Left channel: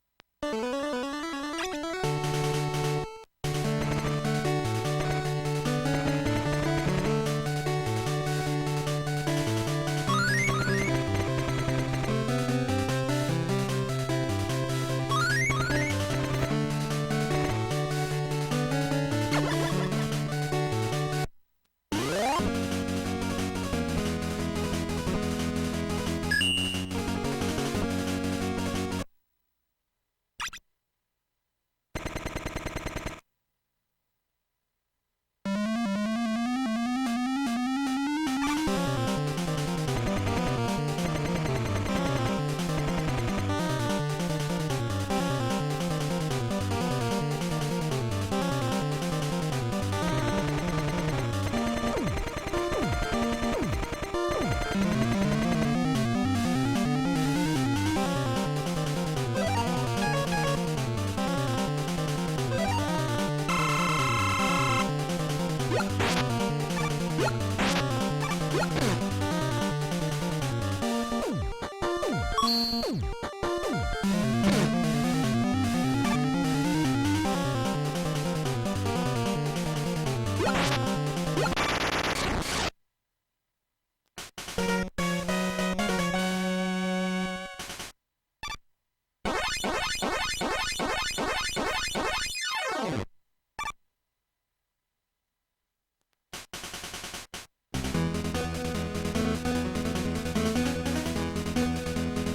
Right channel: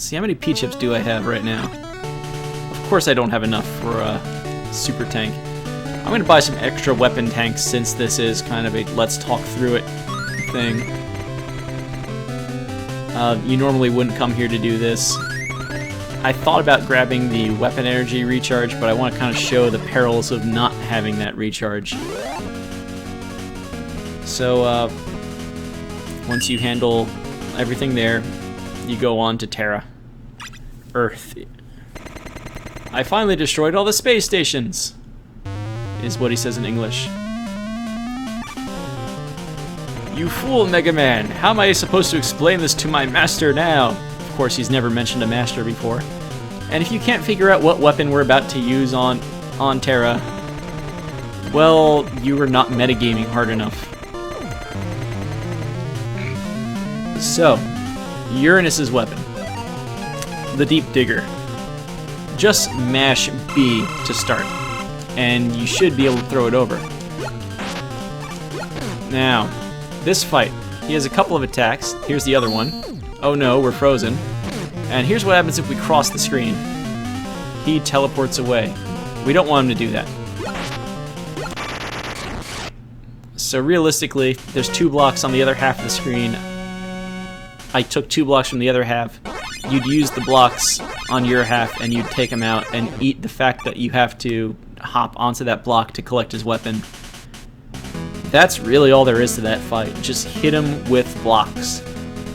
Let's see, how many P-chips do I have right now? Of course I don't have enough for a super tank. I'm going to buy some extra weapon tanks since this is kind of a let's talk through it thing. You normally wouldn't come here to do this. I thought about grabbing the weapon energy recharge, but I want to kind of show the perils of not having that recharge. So, once you handle everything there, you go on to Terra. Earth. I finally destroyed all the space stations, is what he says in English. You fool, Mega Man! How am I supposed to explain this to my master now? Of course, he's never mentioned a master before. And if you can't figure out what weapon we're about to use on Terra, well, you are not metagaming hard enough. So, Uranus's weapon. The Deep Digger. Just mash B to start, and you should be able to throw it over. Now, this fight, he has a couple of attacks. Here's the other one. Oh no, we're frozen. And here's what happens if we cross the screen. He teleports away. We don't want him to do that. So realistically, there's 2 blocks on the other half of the screen. I took 2 blocks from the other half. You'd use the blocks on your half and you'd take him out and eat the fact that you have to hop onto that block to collect his weapon. That's really all there is to that fight. Just hit him with blocks.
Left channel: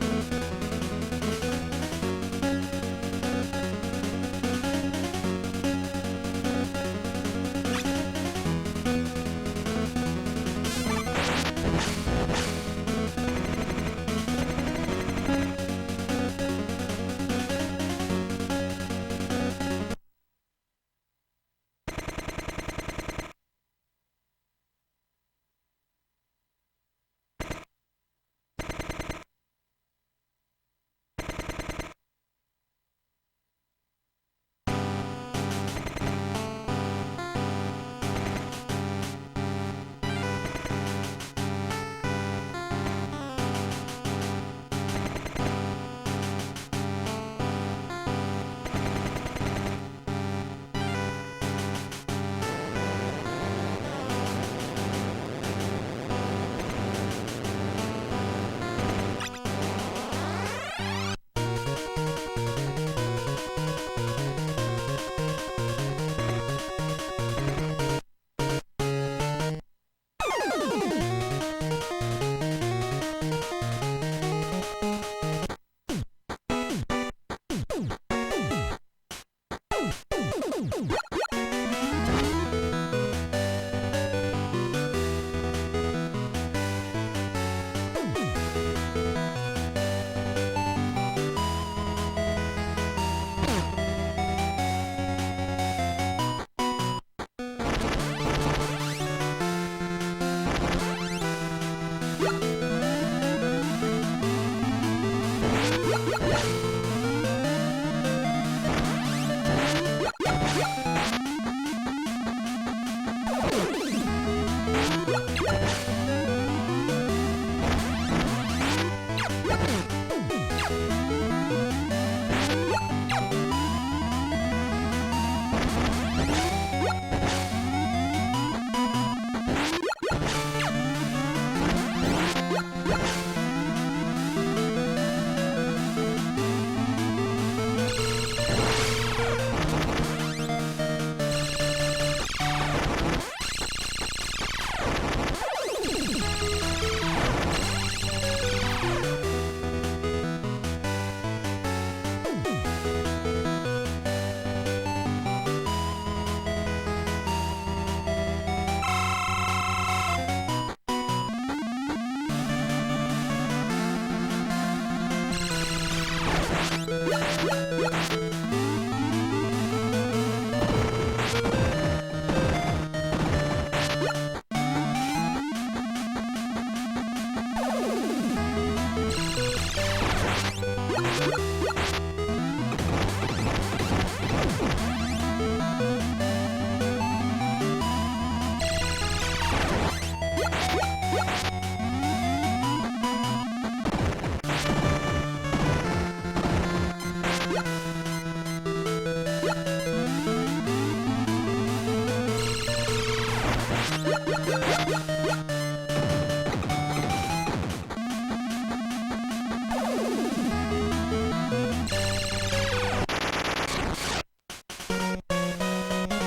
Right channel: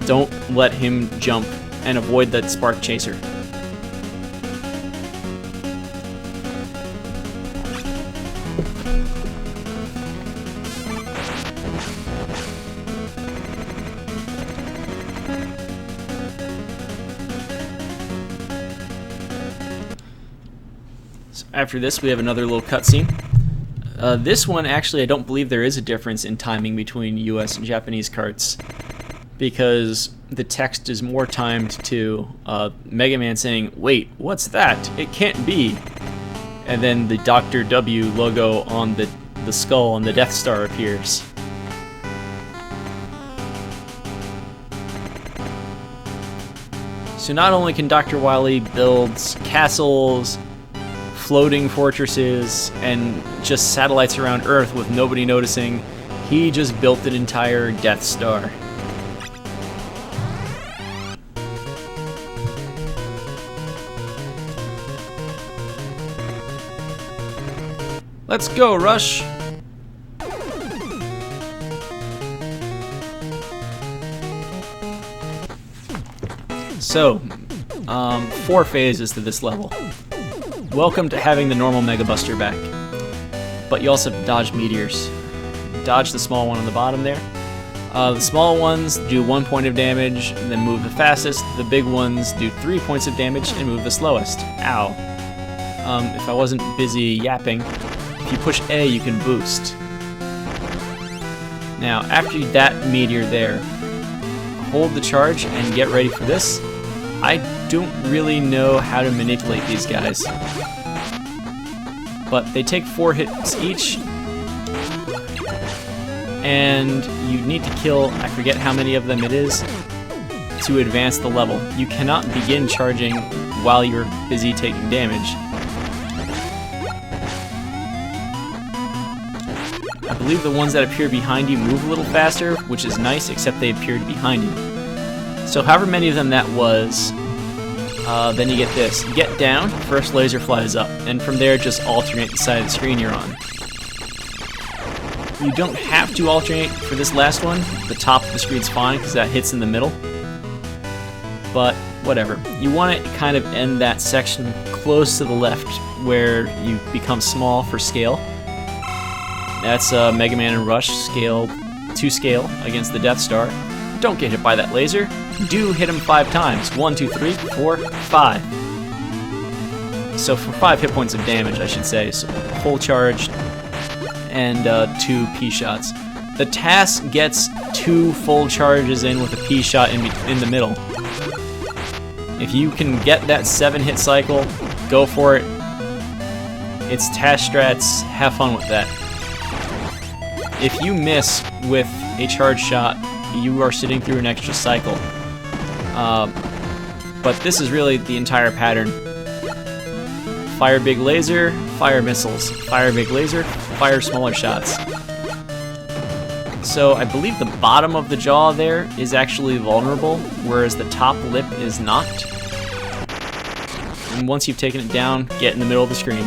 Don't let him jump and avoid that spark chaser. So after this, we have another little cutscene. This one, actually, I don't believe there is a difference in timing between US and Japanese carts, because the text is more timed to Mega Man saying, "Wait, what's that? It can't be." And then the Dr. W logo on the skull and the Death Star appears. So not only can Dr. Wily build castles, floating fortresses, and just satellites around Earth with nobody noticing, he just built an entire Death Star. Let's go, Rush! So, 4 phases to this level. Welcome to having the normal Mega Buster back. But you also have to dodge meteors. Dodge the small one on the bottom there. The small ones do 1 point of damage and then move the fastest. The big ones do 3 points of damage and move the slowest. Ow. If I wasn't busy yapping, if you push A, you can boost. Now, after that meteor there, hold the charge and get ready for this. I don't really know how to manipulate these guys, but they take 4 hits each, and you need to kill, I forget how many of them it is, to advance the level. You cannot begin charging while you're busy taking damage. I believe the ones that appear behind you move a little faster, which is nice, except they appeared behind you. So however many of them that was, then you get this. You get down, first laser flies up, and from there just alternate the side of the screen you're on. You don't have to alternate for this last one. The top of the screen's fine because that hits in the middle. But whatever. You want to kind of end that section close to the left where you become small for scale. That's Mega Man and Rush scale, 2 scale against the Death Star. Don't get hit by that laser. Do hit him 5 times. 1, 2, 3, 4, 5. So for 5 hit points of damage, I should say. So full charge and 2 P shots. The task gets 2 full charges in with a P shot in the middle. If you can get that 7 hit cycle, go for it. It's task strats. Have fun with that. If you miss with a charge shot, you are sitting through an extra cycle. but this is really the entire pattern. Fire big laser, fire missiles. Fire big laser, fire smaller shots. So I believe the bottom of the jaw there is actually vulnerable, whereas the top lip is not. And once you've taken it down, get in the middle of the screen.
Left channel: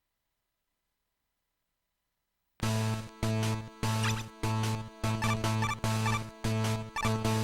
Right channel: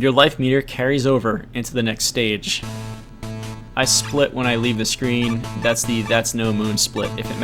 Your life meter carries over into the next stage. I split when I leave the screen. That's no moon split, if it